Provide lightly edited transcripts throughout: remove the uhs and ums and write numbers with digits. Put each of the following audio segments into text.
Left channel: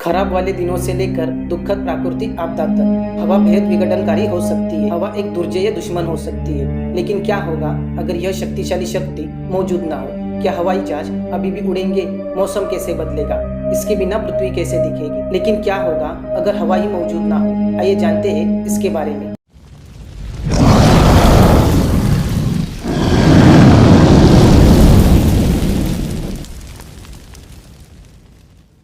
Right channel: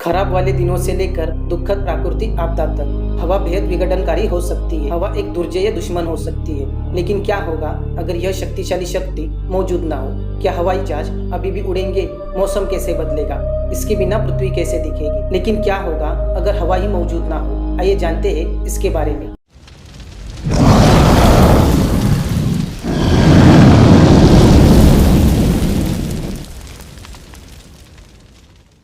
खराब वाले दिनों से लेकर दुखद प्राकृतिक आपदा तक हवा बेहद विघटनकारी हो सकती है। हवा एक दुर्जय दुश्मन हो सकती है, लेकिन क्या होगा अगर यह शक्तिशाली शक्ति मौजूद ना हो? क्या हवाई जहाज अभी भी उड़ेंगे? मौसम कैसे बदलेगा? इसके बिना पृथ्वी कैसे दिखेगी? लेकिन क्या होगा अगर हवा ही मौजूद ना हो? आइए जानते हैं इसके बारे में।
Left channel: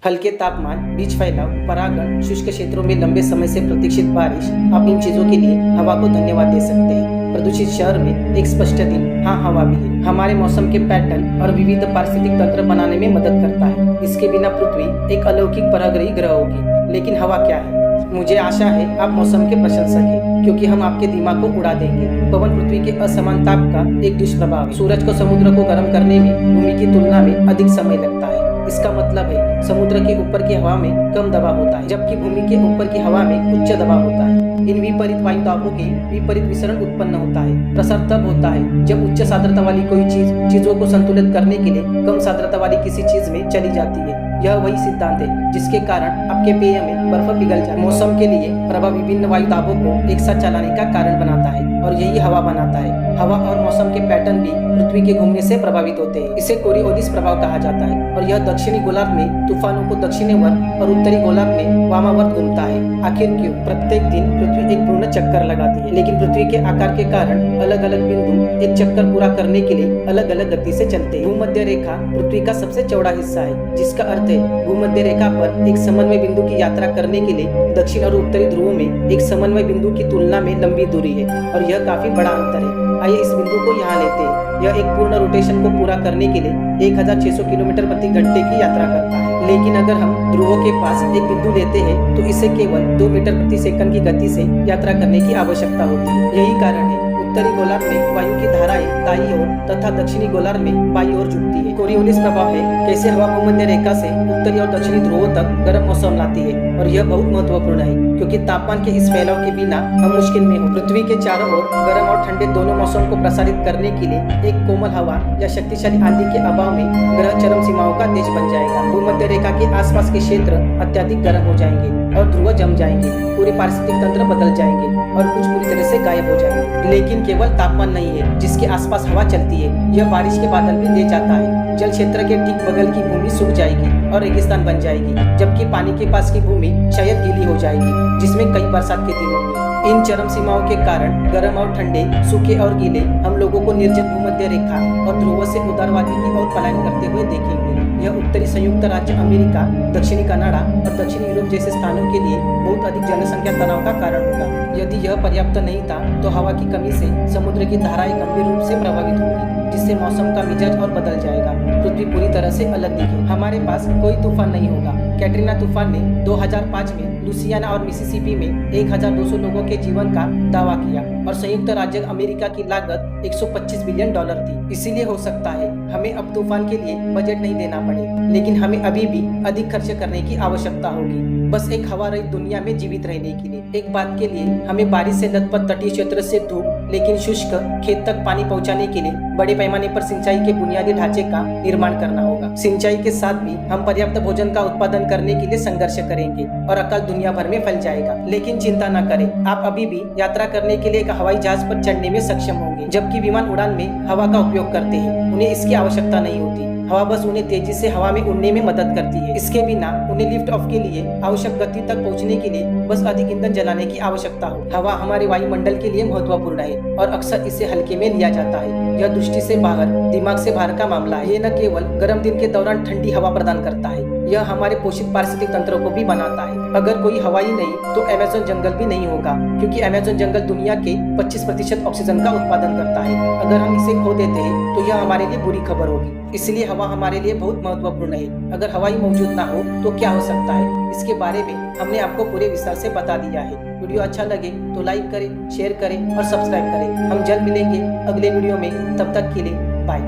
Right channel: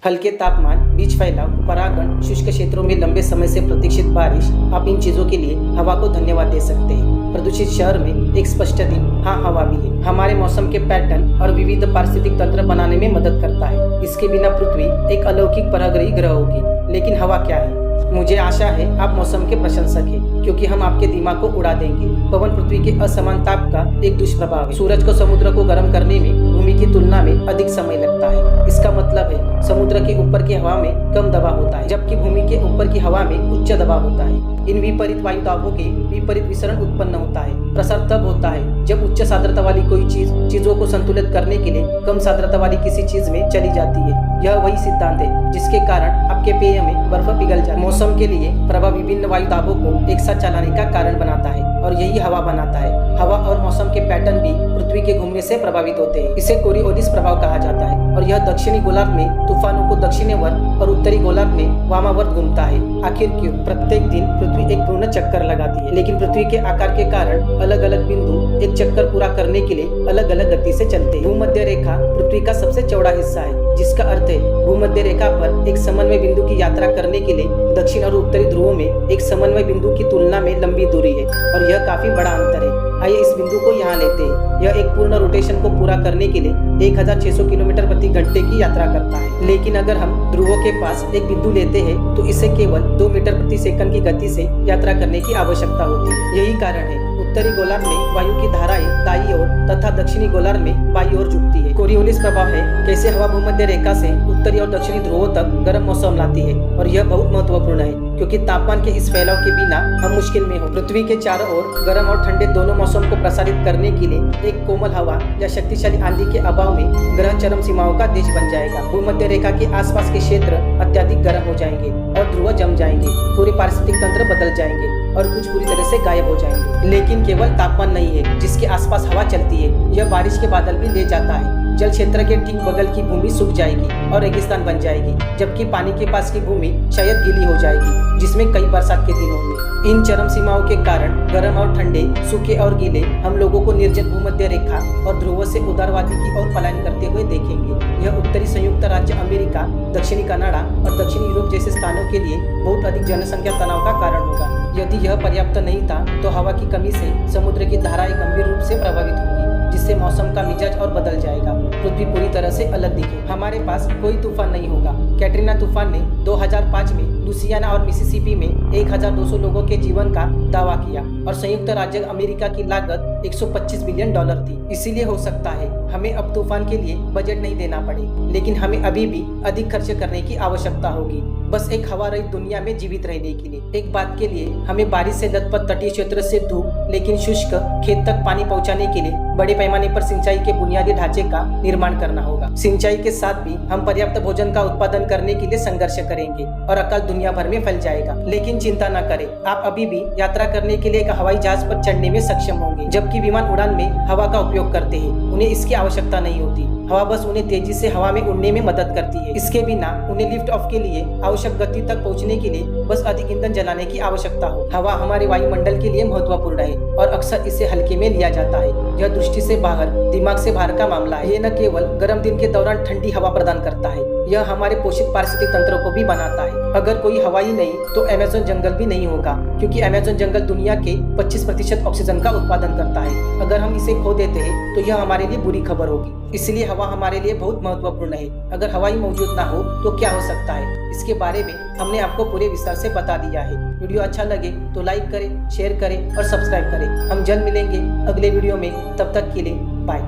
हल्के तापमान, बीज फैलाव, परागण, शुष्क क्षेत्रों में लंबे समय से प्रतीक्षित बारिश, आप इन चीजों के लिए हवा को धन्यवाद दे सकते हैं। प्रदूषित शहर में एक स्पष्ट दिन, हाँ हवा भी है। हमारे मौसम के पैटर्न और विविध पारिस्थितिक तंत्र बनाने में मदद करता है। इसके बिना पृथ्वी एक अलौकिक परागही ग्रह होगी। लेकिन हवा क्या है? मुझे आशा है आप मौसम के प्रशंसक हैं, क्योंकि हम आपके दिमाग को उड़ा देंगे। पवन पृथ्वी के असमान ताप का एक दुष्प्रभाव है। सूरज को समुद्र को गर्म करने में भूमि की तुलना में अधिक समय लगता है। इसका मतलब है समुद्र के ऊपर की हवा में कम दबाव होता है, जबकि भूमि के ऊपर की हवा में उच्च दबाव होता है। इन विपरीत वायु दाबों के विपरीत विसरण उत्पन्न होता है। प्रसार तब होता है जब उच्च सान्द्रता वाली कोई चीजों को संतुलित करने के लिए कम सान्द्रता वाली किसी चीज में चली जाती है। यह वही सिद्धांत है जिसके कारण आपके पेय में बर्फ पिघल जाए। मौसम के लिए प्रभाव विभिन्न वायु दाबों को एक साथ चलाने का कारण बनाता है, और यही हवा बनाता है। हवा और मौसम के पैटर्न भी पृथ्वी के घूमने से प्रभावित होते हैं। इसे कोरियोलिस प्रभाव कहा जाता है, और यह दक्षिणी गोलार्ध में तूफानों को दक्षिणावर्त और उत्तरी गोलार्ध में वामावर्त घूमता है। आखिर क्यों? प्रत्येक दिन पृथ्वी एक पूर्ण चक्कर लगाती है, लेकिन पृथ्वी के आकार के कारण अलग अलग बिंदु एक चक्कर पूरा करने के लिए अलग अलग गति से चलते हैं। भूमध्य रेखा पृथ्वी का सबसे चौड़ा हिस्सा है, जिसका अर्थ है भूमध्य रेखा पर एक समन्वय बिंदु की यात्रा करने के लिए दक्षिण और उत्तरी ध्रुवों में एक समन्वय बिंदु की तुलना में लंबी दूरी है, और यह काफी बड़ा अंतर है। आइए इस बिंदु को यहाँ लेते हैं। यह एक पूर्ण रोटेशन को पूरा करने के लिए 1600 किलोमीटर प्रति घंटे की यात्रा करता है। लेकिन अगर हम ध्रुवों के पास एक बिंदु लेते हैं तो इसे केवल 2 मीटर प्रति सेकंड की गति से यात्रा करने की आवश्यकता होती है। यही कारण है उत्तरी गोलार्ध में वायु की धाराएं दाईं ओर तथा दक्षिणी गोलार्ध में बाईं ओर झुकती है। कोरियोलिस प्रभाव है कैसे हवा भूमध्य रेखा से उत्तरी और दक्षिणी ध्रुवों तक गर्म मौसम लाती है, और यह बहुत महत्वपूर्ण है क्योंकि तापमान के इस फैलाव के बिना हम मुश्किल में हो। पृथ्वी के चारों ओर गर्म और ठंडे दोनों मौसम को प्रसारित करने के लिए एक कोमल हवा या शक्तिशाली आंधी के अभाव में ग्रह चरम सीमाओं का देश बन जाएगा। भूमध्य रेखा के आसपास के क्षेत्र अत्यधिक गर्म हो जाएंगे और ध्रुव जम जाएंगे। पूरे पारिस्थितिक तंत्र बदल जाएंगे और कुछ पूरी तरह से गायब हो जाएंगे। लेकिन केवल तापमान नहीं है जिसके आसपास हवा चलती है, यह बारिश के बादल भी ले जाता है। जल क्षेत्र के ठीक बगल की भूमि सूख जाएगी और रेगिस्तान बन जाएगी, जबकि पानी के पास की भूमि शायद गीली हो जाएगी, जिसमें कई बरसात के दिन होंगे। इन चरम सीमाओं के कारण गर्म और ठंडे, सूखे और गीले हम लोगों को निर्जन भूमध्य रेखा और ध्रुवों से उदारवादी की ओर पलायन करते हुए देखेंगे। यह उत्तरी संयुक्त राज्य अमेरिका, दक्षिणी कनाडा और दक्षिणी यूरोप जैसे स्थानों के लिए बहुत अधिक जनसंख्या तनाव का कारण होगा। यदि यह पर्याप्त नहीं था तो हवा की कमी से समुद्र की धाराएं गंभीर रूप से प्रभावित होंगी, जिससे मौसम का मिजाज और बदल जाएगा। पृथ्वी पूरी तरह से अलग दिखे। हमारे पास कोई तूफान नहीं होगा। कैटरीना तूफान ने 2005 में लुसियाना और मिसिसिपी में 1200 लोगों के जीवन का दावा किया, और संयुक्त राज्य अमेरिका की लागत $125 बिलियन थी। इसीलिए हो सकता है हमें अब तूफान के लिए बजट नहीं देना पड़े, लेकिन हमें अभी भी अधिक खर्च करने की आवश्यकता होगी, बस एक हवा रहित दुनिया में जीवित रहने के लिए। एक बात के लिए हमें बारिश से लथपथ तटीय क्षेत्र से धूप लेकिन शुष्क खेत तक पानी पहुंचाने के लिए बड़े पैमाने पर सिंचाई के बुनियादी ढांचे का निर्माण करना होगा। सिंचाई के साथ भी हम पर्याप्त भोजन का उत्पादन करने के लिए संघर्ष करेंगे, और अकाल दुनिया भर में फैल जाएगा। लेकिन चिंता न करें, आप अभी भी यात्रा करने के लिए एक हवाई जहाज पर चढ़ने में सक्षम होंगे। जबकि विमान उड़ान में हवा का उपयोग करते हैं, उन्हें इसकी आवश्यकता नहीं होती। हवा बस उन्हें तेजी से हवा में उड़ने में मदद करती है। इसके बिना उन्हें लिफ्ट ऑफ के लिए आवश्यक गति तक पहुंचने के लिए बस अधिक ईंधन जलाने की आवश्यकता हो। हवा हमारे वायुमंडल के लिए महत्वपूर्ण है, और अक्सर इसे हल्के में लिया जाता है। यह दृष्टि से बाहर, दिमाग से बाहर का मामला है। ये न केवल गर्म दिन के दौरान ठंडी हवा प्रदान करता है, यह हमारे पोषित पारिस्थितिक तंत्रों को भी बनाता है। अगर कोई हवा ही नहीं तो अमेज़न जंगल भी नहीं होगा, क्योंकि अमेज़न जंगल दुनिया के 25% ऑक्सीजन का उत्पादन करता है। अगर हम इसे खो देते हैं तो यह हमारे लिए बुरी खबर होगी। इसलिए हवा हमारे लिए बहुत महत्वपूर्ण है। अगर हवा ही मौजूद ना हो तो क्या हो सकता है, इसके बारे में हमने आपको पूरे विस्तार से बता दिया है। वीडियो अच्छा लगे तो लाइक करें, शेयर करें और सब्सक्राइब करें। हम जल्द मिलेंगे अगले वीडियो में, तब तक के लिए बाय।